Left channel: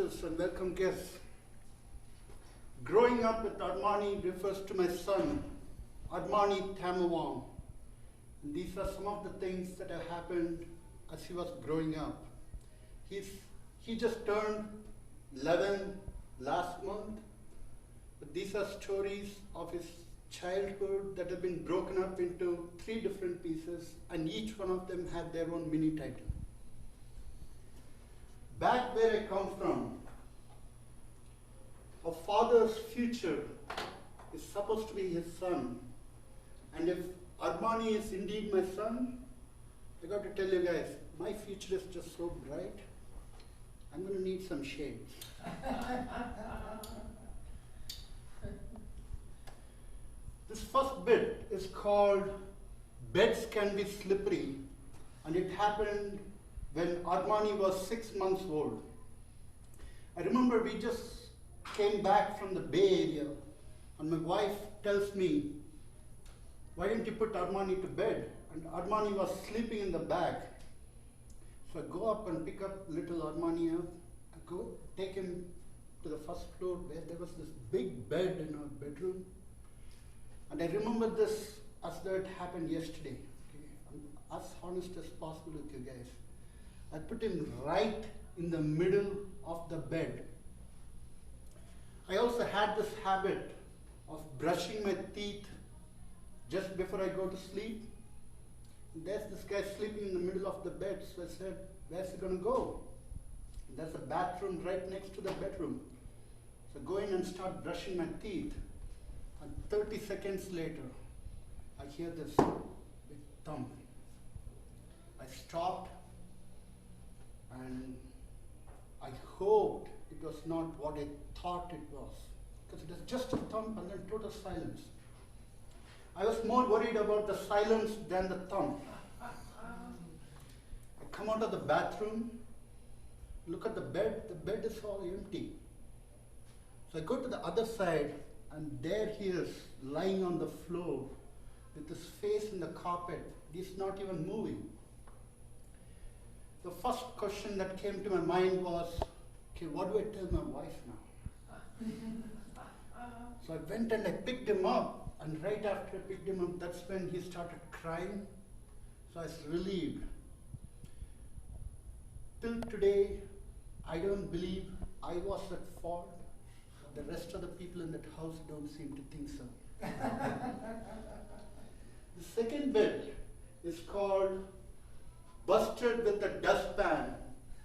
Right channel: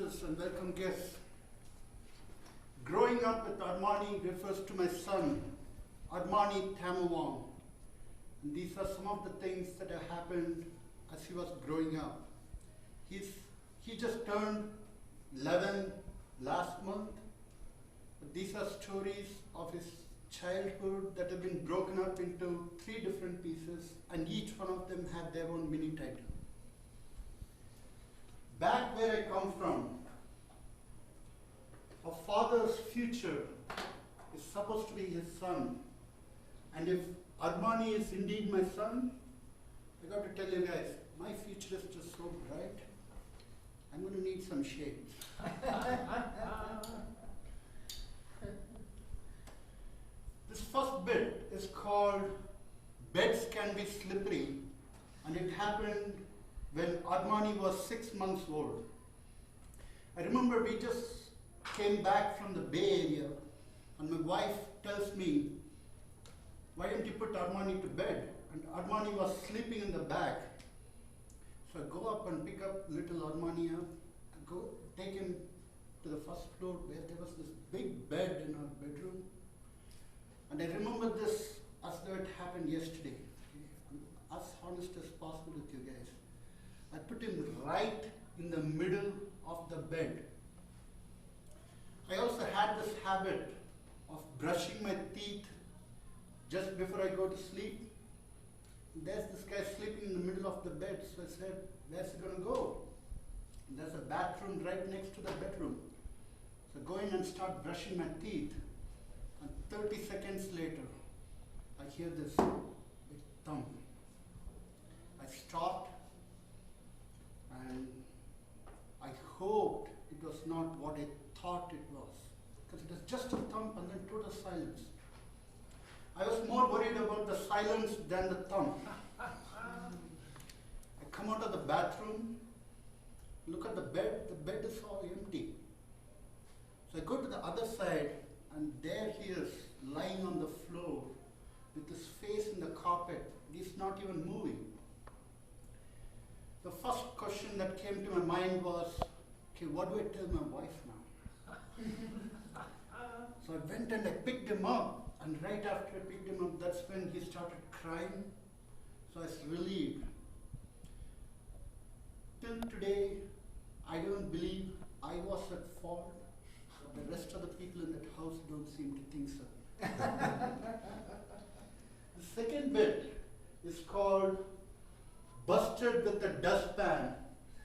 Toastmasters and welcome guests. Growing up with Armani refers to my son, Armani Tamawang. And these are some of the things that have happened as he was growing up. He just turned 11 last month, but these are stories of his childhood that have been broken up into 3 different pieces, and each one of them had their own mini title. Back where I come from, a father's future is supposed to be his son. And if Armani is indeed my son, I got to tell you guys, my future is just so bright, I'm going to need some shades. This first bit is called Beds Can Be Slippery, and it happened when Armani was 6 months old. I remember we just came back from the Bay Area, and my wife tells me, why didn't you put Armani to bed? And Armani was sleeping in the back. So I go up and pick up little Armani up. I go take him to the first floor where there was this big bed in our bedroom. And I remember this as though it happened yesterday. Okay? I'm as honest as possible with you guys. I put him right in the middle of the bed. I also had this habit of brushing my teeth just before I go to sleep. There's this guy sleeping in the middle of the bed, so I said, where's he going to go? There's a bathroom right next to the bedroom. So go in and start brushing my teeth. And 30 seconds later, I hear this big thump. I stopped, and I hoped it was not what I thought it was, because it was just a thump and then total silence. I was more worried about the silence than the thump. I come out of the bathroom, look at the bed is all empty. So I go to the other side, and there he is, lying on the floor with his face in the carpet. He's not even moving. The first question that came to my mind was, okay, what do I tell my wife now? So I went and I picked him up, and right after I picked him up, that's when he started crying. So I was relieved. Till today, I don't believe I was at fault. The rest of the people in that house don't seem to think so. The second bit is called Busted with a Dustpan,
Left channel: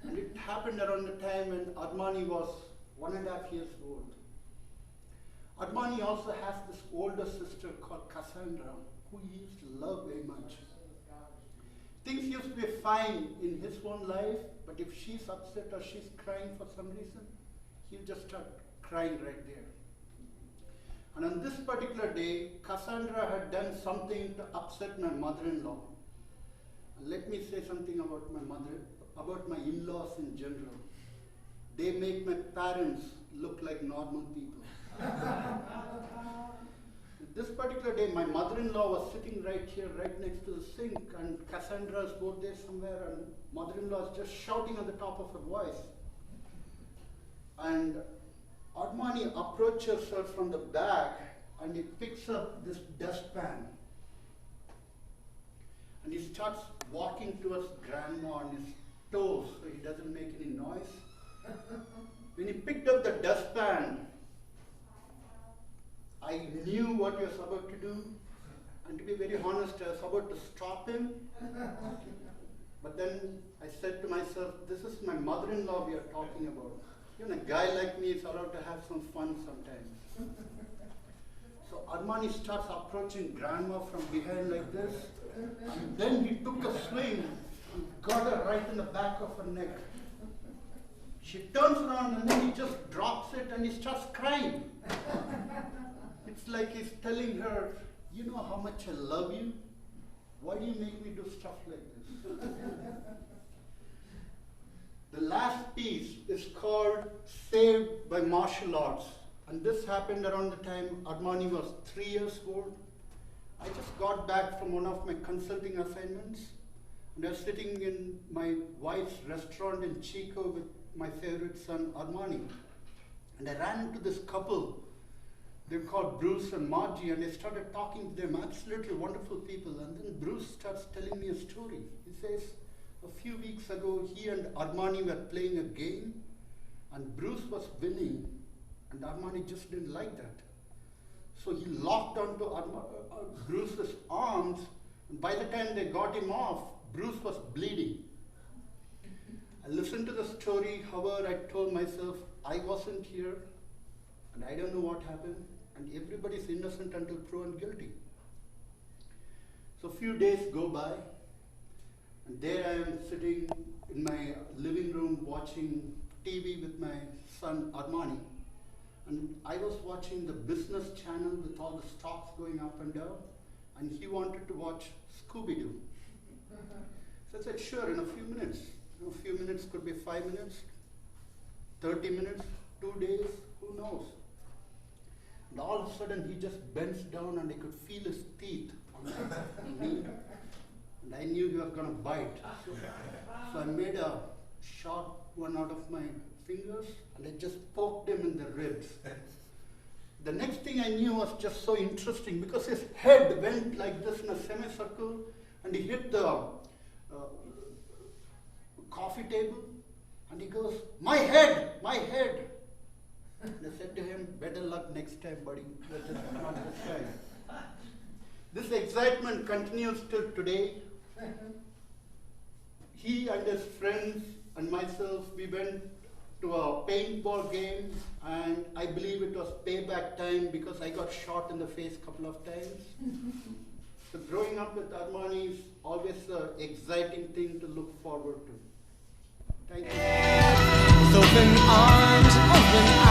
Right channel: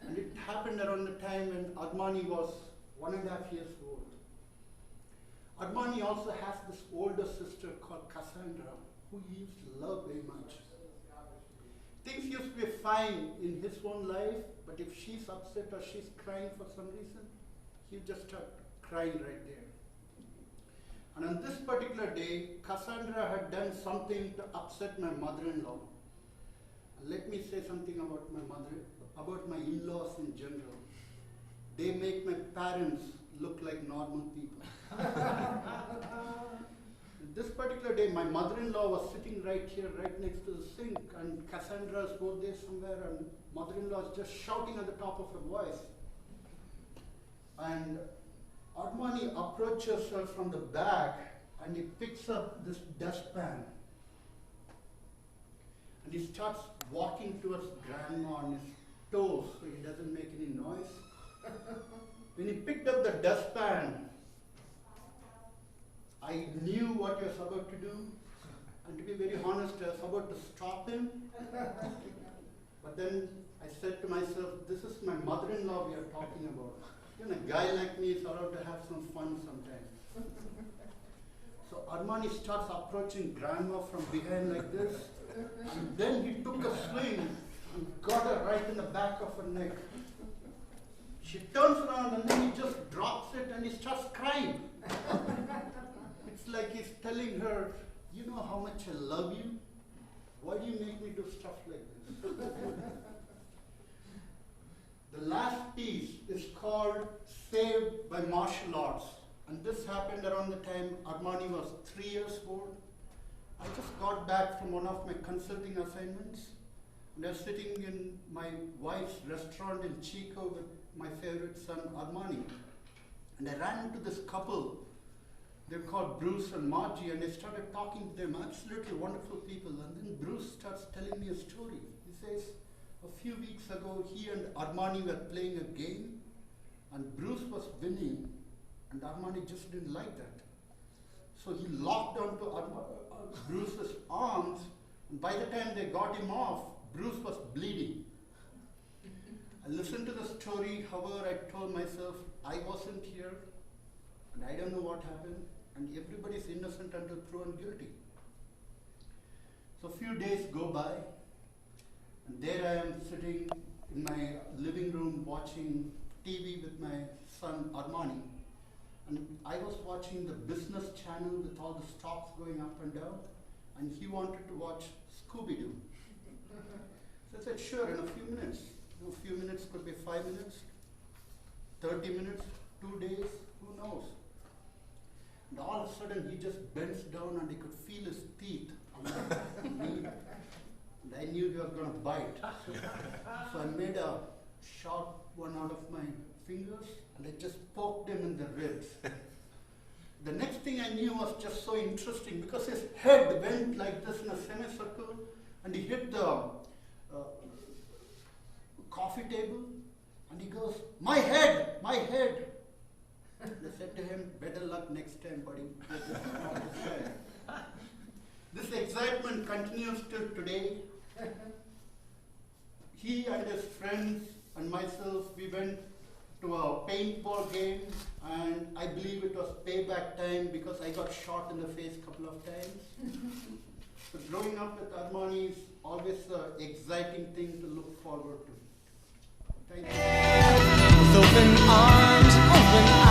and it happened around the time when Armani was 1.5 years old. Armani also has this older sister called Cassandra, who he used to love very much. Things used to be fine in his own life, but if she's upset or she's crying for some reason, he'll just start crying right there. And on this particular day, Cassandra had done something to upset my mother-in-law. Let me say something about my in-laws in general. They make my parents look like normal people. This particular day, my mother-in-law was sitting right here, right next to the sink, and Cassandra's both there somewhere, and mother-in-law is just shouting at the top of her voice. And Armani approaches her from the back, and he picks up this dustpan. And he starts walking towards grandma on his toes so he doesn't make any noise. When he picked up the dustpan, I knew what he was about to do. And to be very honest, I was about to stop him. But then I said to myself, this is my mother-in-law we are talking about. You know, a guy like me is allowed to have some fun sometimes. So Armani starts approaching grandma from behind like this. And then he took a swing and got her right in the back of her neck. She turns around and then he just drops it and he starts crying. It's like he's telling her, you know how much I love you? Why do you make me do stuff like this? The last piece is called Saved by Martial Arts. And this happened around the time Armani was 3 years old. I just got back from one of my consulting assignments, and I was sitting in my wife's restaurant in Chico with my favorite son, Armani. And I ran into this couple. They're called Bruce and Margie, and I started talking to them, absolutely wonderful people. And then Bruce starts telling me a story. He says, a few weeks ago, he and Armani were playing a game, and Bruce was winning, and Armani just didn't like that. So he locked onto Bruce's arms, and by the time they got him off, Bruce was bleeding. I listened to the story, however, I told myself, I wasn't here, and I don't know what happened, and everybody's innocent until proven guilty. So a few days go by, and there I am sitting in my living room watching TV with my son Armani. And I was watching the business channel with all the stocks going up and down, and he wanted to watch Scooby-Doo. So I said, sure, in a few minutes. A few minutes could be 5 minutes, 30 minutes, 2 days, who knows? And all of a sudden he just bends down and I could feel his teeth on my knee. And I knew he was going to bite. So I made a sharp one out of my fingers and I just poked him in the ribs. The next thing I knew was just so interesting because his head went like this in a semicircle and he hit the coffee table and he goes, my head, my head. And I said to him, better luck next time, buddy. Not this time. This excitement continues till today. He and his friends and myself, we went to a paintball game and I believe it was payback time because I got shot in the face a couple of times. So growing up with Armani is always an exciting thing to look forward to. Thank you. With open arms, open